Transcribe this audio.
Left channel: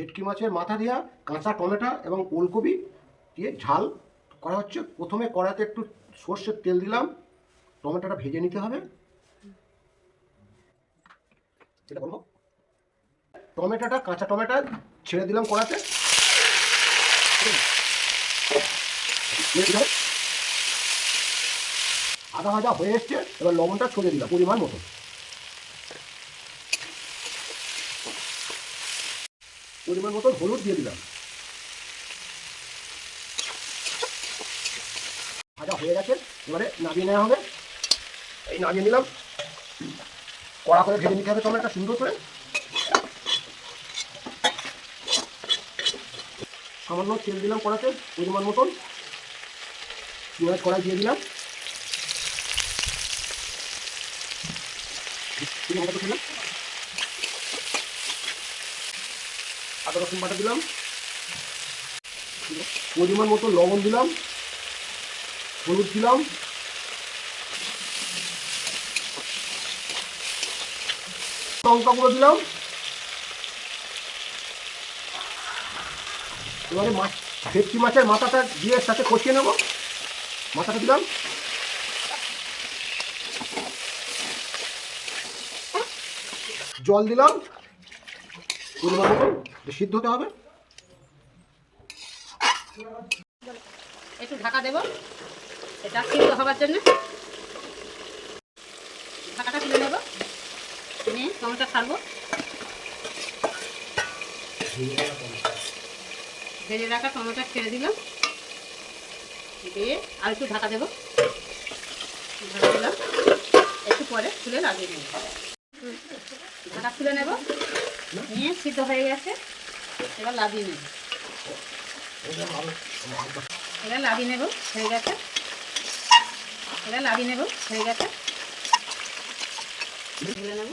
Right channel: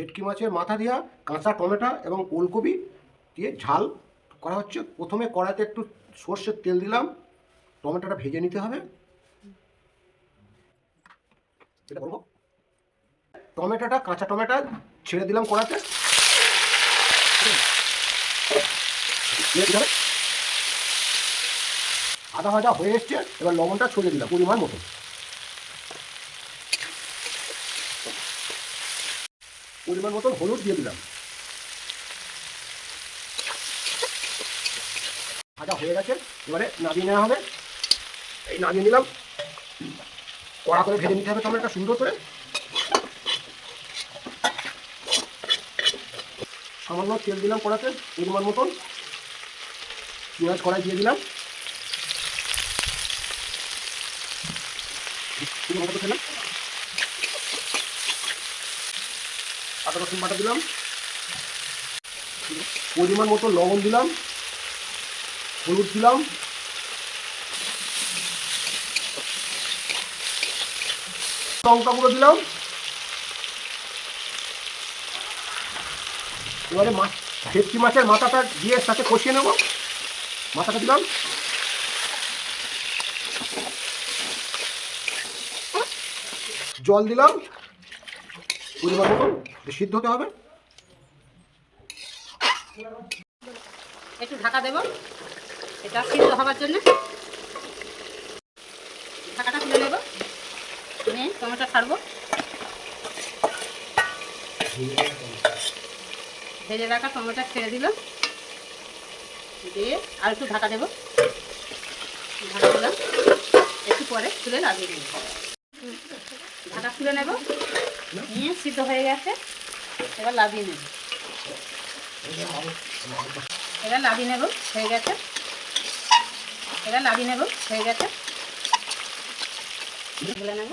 ভেটকি মাছের মাথা দিয়া কাঁচা টমেটো এবং ওলকপি দিয়ে ঝাল করা হচ্ছে। প্রথমে কড়াতে একটু সর্ষের তেল দিলাম, টমেটোটা ভেজে নিতে হবে। এটা করবো, টমেটোটা কাঁচা টমেটো ছেড়ে দিলাম কড়াতে, আদা ভাজা হয়ে এসছে। এবার লবণটা ছড়িয়ে দিলাম পরিমাণ মতো। পরিমাণ মতো হলুদ দিয়ে দিলাম। ভাজা হয়ে গেছে, এবারে নামিয়ে নেওয়া হবে। এই নামিয়ে নিলাম। কড়া করে ভেজে নিতে হবে টমেটোটা সুন্দর করে। সামান্য তেল দিলাম কড়াতে পরিমাণ মতন। পেঁয়াজ কড়াই দিয়ে দিলাম। আদা রসুন বাটা দিলাম, পরিমাণ মতো লবণ দিলাম, হলুদ দিলাম, লঙ্কা গুঁড়ো দিলাম। এবারে ভেটকি মাছের মাথাটা দিয়ে সাথে কষিয়ে নেব। মাথাটা দিলাম, জল দিলাম, সিদ্ধ হতে হবে। একটু ঢাকা দেব এটা সিদ্ধ হবার জন্য। ঢাকাটা তুলে নেব, নিয়ে টমেটো ছাড়বো। ভেজে রাখা টমেটো ছেড়ে দিলাম, দিয়ে আর একটু ঢাকা দেবো। ঢাকা দিলাম, একটু পরে তুলে লাগিয়ে নেব। ঢাকা তুলে নেব, নিয়ে সিদ্ধ হয়ে গেছে। এবার লাগিয়ে নেব, এবার লাগিয়ে নেব, হয়ে গেছে। এবার লাগিয়ে নেব, হয়ে গেছে। ঢেলে নেব।